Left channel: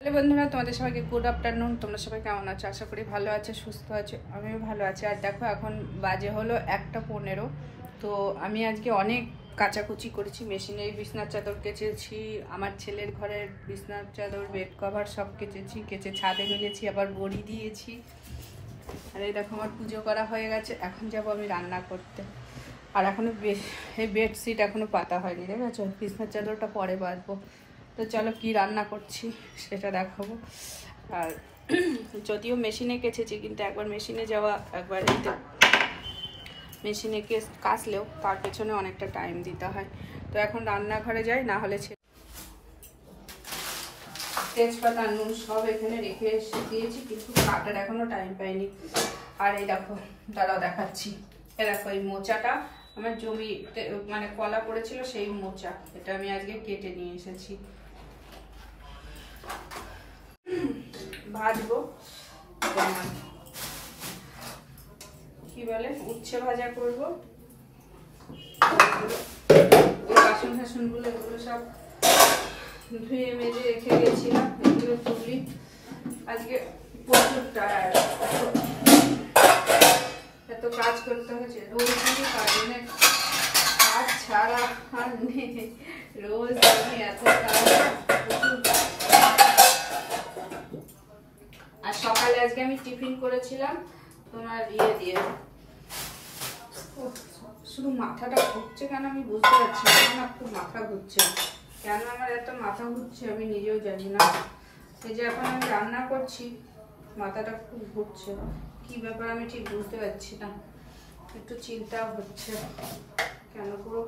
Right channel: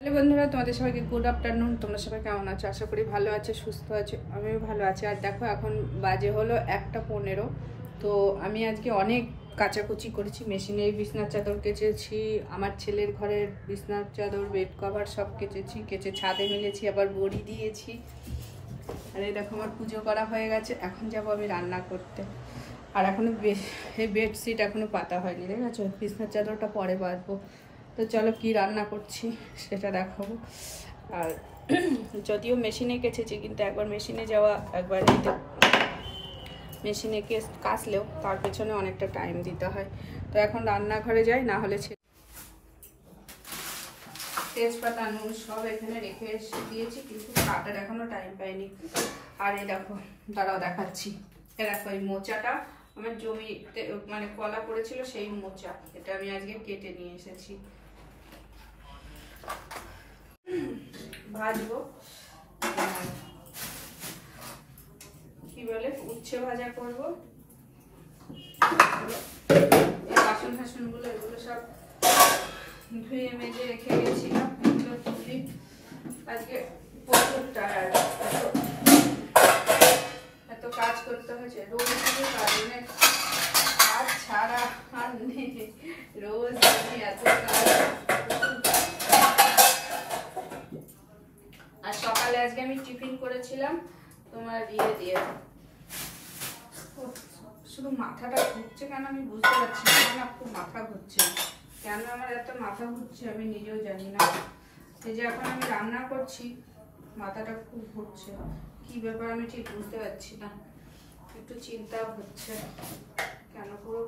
Hello বন্ধুরা, তোমাদের সবাইকে গুড আফটারনুন। তোমরা সবাই কেমন আছো? আশা করি ভালো আছে, সুস্থ আছো। আমিও ভালো আছি। আর দেখো, এখন বাজে হলো 1:15। তো আমি আজকে অনেক কাচাকুচি করেছি। মেশিনের বিছনার চাদর কেচেছি, আমার ছেলের ঘরের বিছনার চাদর, বেড কভার সব কেচে ছাদে মেলেছি, আবার বড়ি দিয়েছি। আর এই দেখো, আমার পুজো করা হয়ে গেছে। এখন যাব আমি রান্না করতে। আর এখনো এই বেডশিট এখনো পাতা হয়নি, দেখেছো? বিছনার চাদরটা পরে বাঁধবো। তো চলো কি রান্না করছি সেটা দেখাবো। আর যদিও মেশিনে কেচেছি, কিন্তু একবার মেশিনে যাওয়া, একবার মেশিনে কাচলেও তার পেছনে অনেকটা টাইম দিতে হয়। তো এখন রান্নাঘরে যাই, না হলে তেজপাতা নুন সব এখানে রেখে এসে দিয়েছি, কিন্তু কাটার এখনো টাইম পাইনি। আর এই দেখো, দাঁড়াও দেখাচ্ছি। এ দেখো, এই মোচাটা আমার জমিতে মানে কলা পড়েছিল, সেই মোচা। এটা আমি আজকে কেটে নিয়ে এসেছি, ভাজবো। কি বলে, উচ্ছে ভাজা করবো। এই বাসন টাসনগুলো এগুলো সব ধুয়ে মেজে রেখে গেছিলাম, এগুলো তুলি। আজকে প্রচুর টায়ার্ড, এত কাজ করতে হয়েছে। রোজ দিনে কাজ ছাড়া আর নেই, রোজ দিনে এত কাজ। আর সকালে আজকে আমি টিফিন করেছিলাম তোমার দিয়ে শুধু মাথাটা ঘুরছে কেন আমি বুঝতে পারছি না। আমার খুব মাথা ঘুরছে, কেন আমার এত মাথা ঘুরছে আমি নিজেও জানি না। এই যে এখন আমি রান্না করছি, মাথাটা খুব ঘুরছে, কি ব্যাপার আমি ঠিক বুঝতে পারছি না। একটু চিন্তা হচ্ছে, কেন পুরো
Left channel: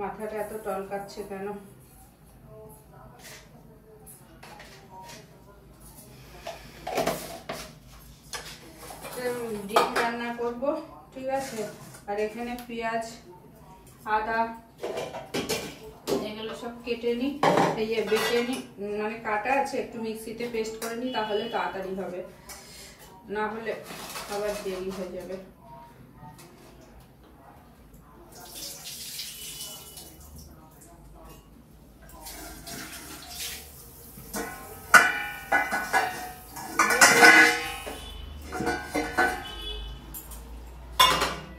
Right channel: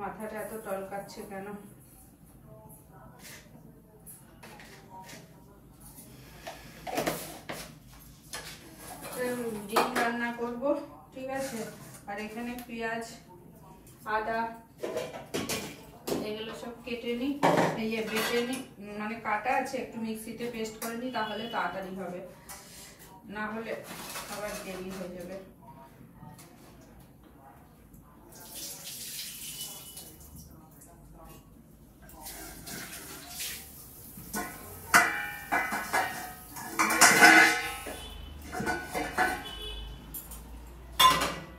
মাথাটা এত টলকাচ্ছে কেন। ডিম রান্না করব, ঠিক আছে। আর এখানে পেঁয়াজ, আদা এগুলো সব কেটে নিই, বেটে নিই, মানে কাটা আছে, একটু মিক্সিতে পেস্ট করে নিই, তাহলে তাড়াতাড়ি হবে, না হলে আবার দেরি হয়ে যাবে।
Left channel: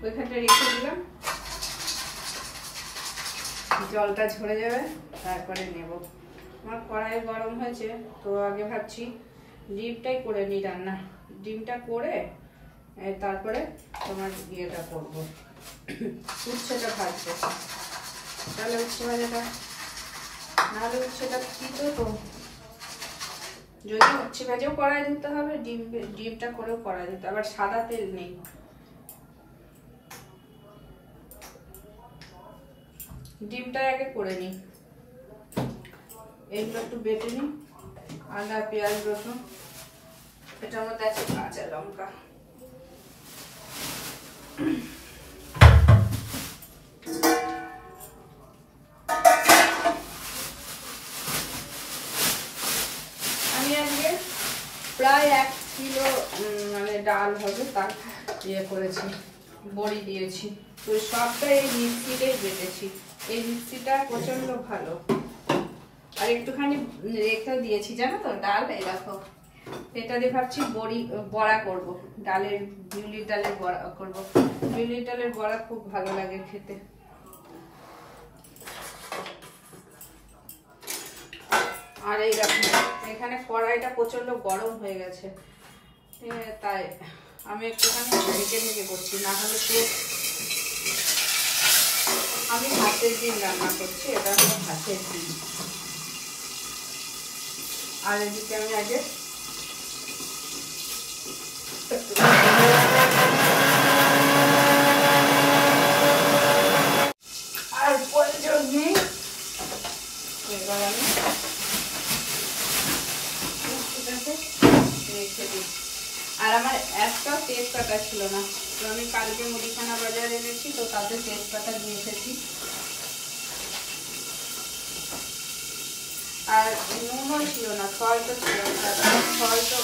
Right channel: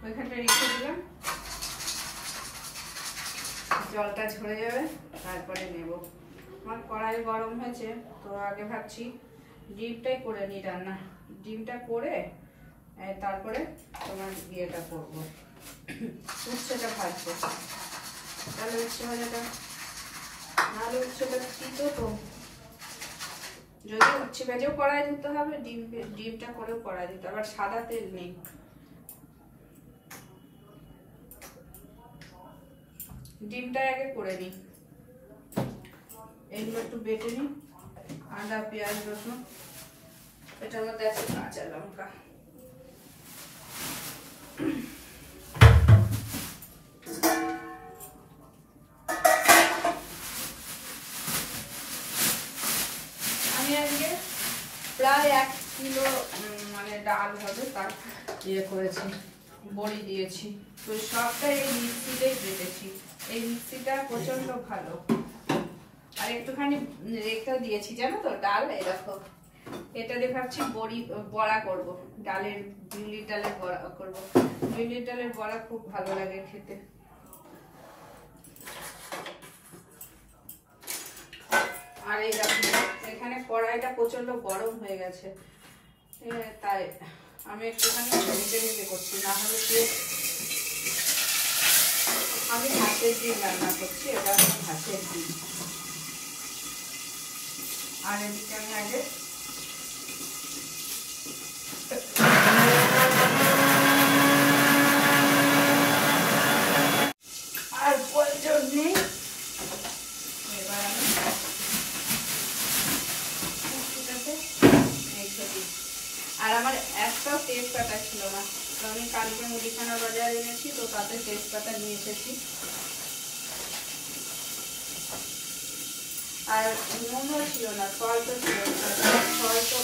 ওইখানটা রেখে দিলাম, জলটা ঝরে যাবে, তারপরে নেব। আমার কড়াই গরম হয়েছে, তো আগে ভাবছি ডিমটাই করে নিই রান্না। ডিমটা করে তারপরে তোমার ইয়েটা করবো, উচ্ছেটা ভাজবো। তাহলে উচ্ছে ভাজাটা, নাহলে উচ্ছেটা দিতে তো, যদি উচ্ছে ভাজেও কড়াই দিতে হবে, ডিমটা করেও কড়াই দিতে, আবার সাদা তেল নেই। ডিমটা আগে করে নিই, এইগুলো একটু বেটে নিই। আদা, পেঁয়াজ, রসুন, এটার মধ্যে আছে কাঁচা লঙ্কা। আমি আজকে প্রায় 1 কিলো মানে ডাল হবে, তার ইয়ে করেছি, বড়ি দিয়েছি। তো সবটা এই মিক্সিতেই বেটেছি। এই মিক্সিটা প্রচন্ড ভালো। আর একটুখানি রেখে দিয়েছি, জানো তো, ডাল। এই দেখো, এটা দিয়ে ভাবছি বড়া করব, ডালের বিউলির ডালের বড়া করব। বিউলির ডালের বড়া খুব ভালো লাগে খেতে। আর এই দেখো, এখানে কড়াইটা প্রচন্ড গরম হয়ে গেছে, তাই আমি একটুখানি ঢেকে ঢেকে করছি, না হলে আমি হাতের ডিম রান্না করছি, এটা হলো হাতের ডিম। আর এদিকে আমি আগে আর প্রয়োজন নেই, এবার আমি রেখে দিই। আর আমার একটাও তেজপাতা ছিল না, তো আমি কালকে মুদিখানা বাজার এনেছি, তো তাতে তেজপাতা নিয়ে এসেছি। আর নুনও ছিল না, সল্টও ছিল না। সল্টও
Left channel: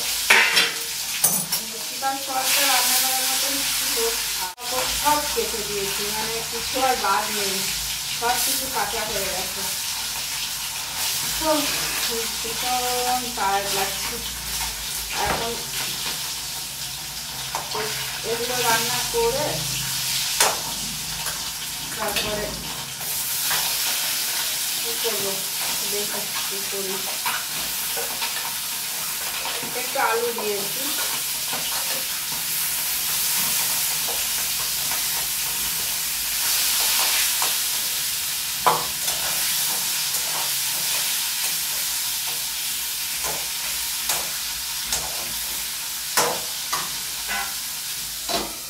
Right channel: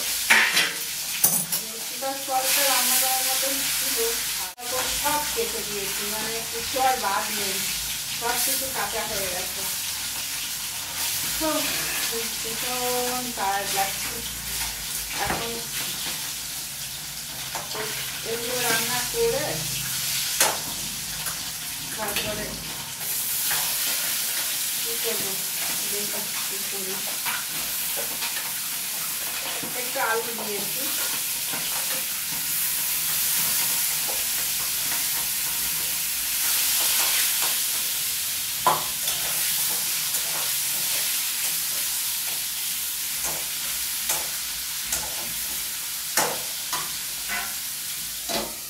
সল্টটা রান্না করার মতন ছিল, সব কেটে দিয়েছি, মানে কিছু আর বাদ নেই, সব কিছু কাঁচা হয়ে গেছে। ভীষণ টায়ার্ড লাগছে এখন। এগুলো রান্না করে তারপরে কি করবো, দেখি কি করি। একটু আলু দিয়েছি,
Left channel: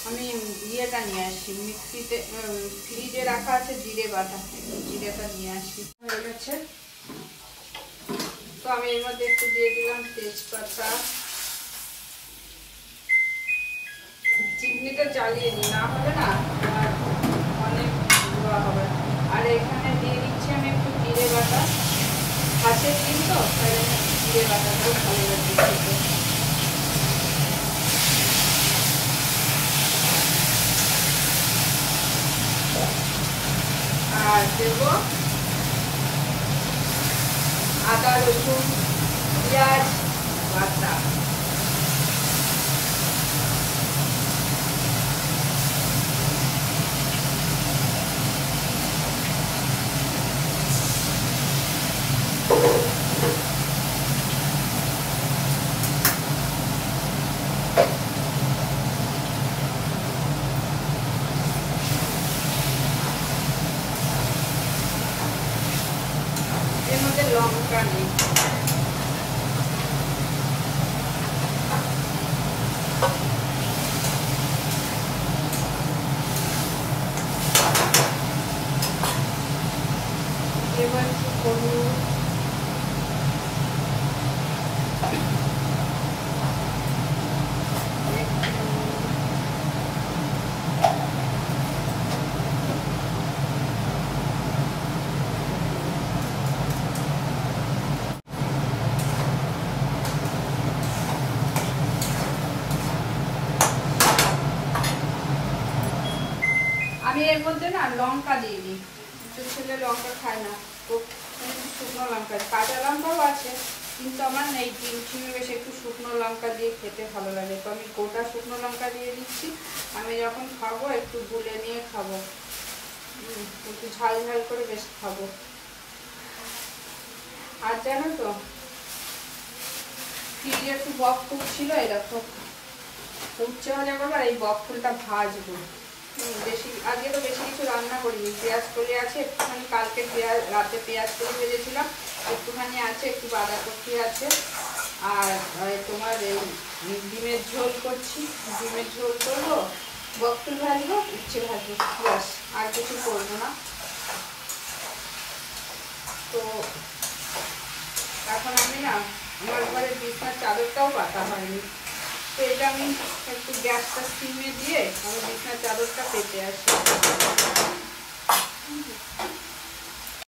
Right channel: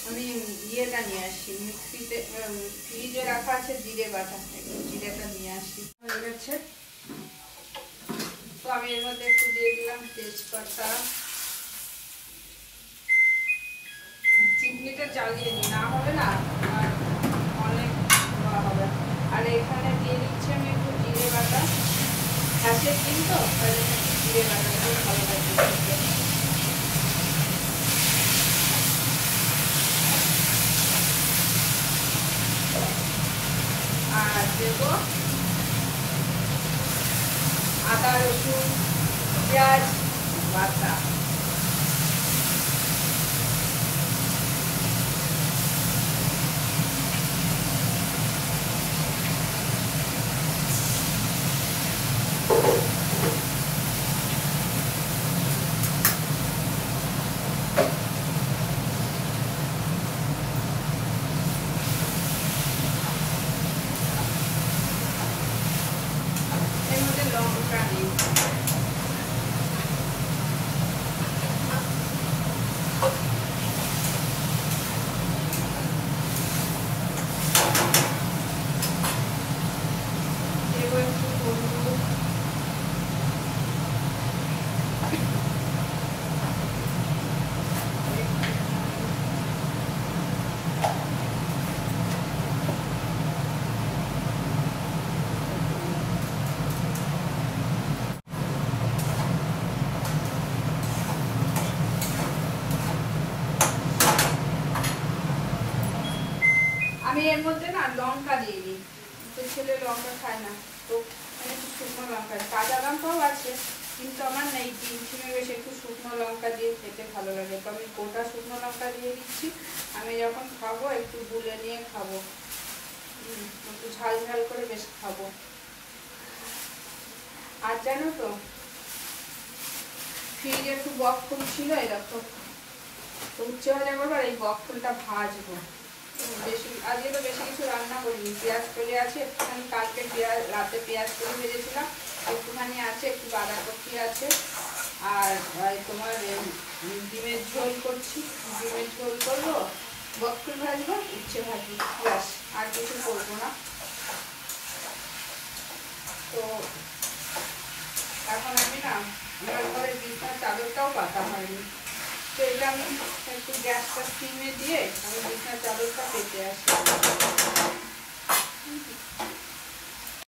আমি ইয়েটা নিয়ে আসি মিক্সিতে, ফ্রিজে রাখা আছে জিরে বাটা, একটু জিরেটা নিয়ে আসি। হয়ে গেছে, তো আমি এর মধ্যে একটু দিয়ে দিলাম তেজপাতা। চিমনিটা জ্বালিয়ে নিই, না হলে না অনেক ধোয়া হবে। আর এখানে দিয়ে দিচ্ছি আমি একটু জিরে বাটা, হাঁসের ডিম তো জিরে বাটা খুব ভালো লাগছে খেতে। আর দেব আদা রসুন পেঁয়াজ বাটা। এর মধ্যে লঙ্কা নেই, এবার একটু হলুদ, আমি এর মধ্যে না লঙ্কা দিয়ে দিই, তো ছেলে লঙ্কা খায় না, তো শুকনো লঙ্কা, কাঁচা লঙ্কাও আছে কিন্তু আমার নেই, টিমে বেশ একটু শুকনো লঙ্কা দিয়ে খেতে ভালো লাগে, তো আমি গোটা শুকনো লঙ্কা দিয়ে দিচ্ছি। আমি যখন খাবো একটু গুলে নিয়ে খাবো, একটু ঝাল ঝাল করে বেশ খাবো। আর জানো তো ফ্রিজে একটু বক ফুল ছিল, এরকম, তো উচ্ছে ভাজা করবো আর এই বক ফুলটা ভাজবো। বেশি আজকে তো বেশি কিছু রান্না করিনি, পেঁয়াজ কলি আছে একটুখানি, কালকে রাতে পেঁয়াজ কলি ভেজেছিলাম, একটুখানি আছে, একটু বাঁধাকপি আছে, আর তোমার ডিমের ঝোল করছি, ডিমের ঝোল করবো, বক ফুল ভাজবো, উচ্ছে ভাজবো, ব্যাস, আর কিছু করবো না। তো এখন আমি না আমার ঘরের বিছানার চাদরটাও পাতা হয়নি, তো এটা আমি একটু গ্যাসটা সিমে দিয়ে আমি বিছানার চাদরটা পেতে আসি।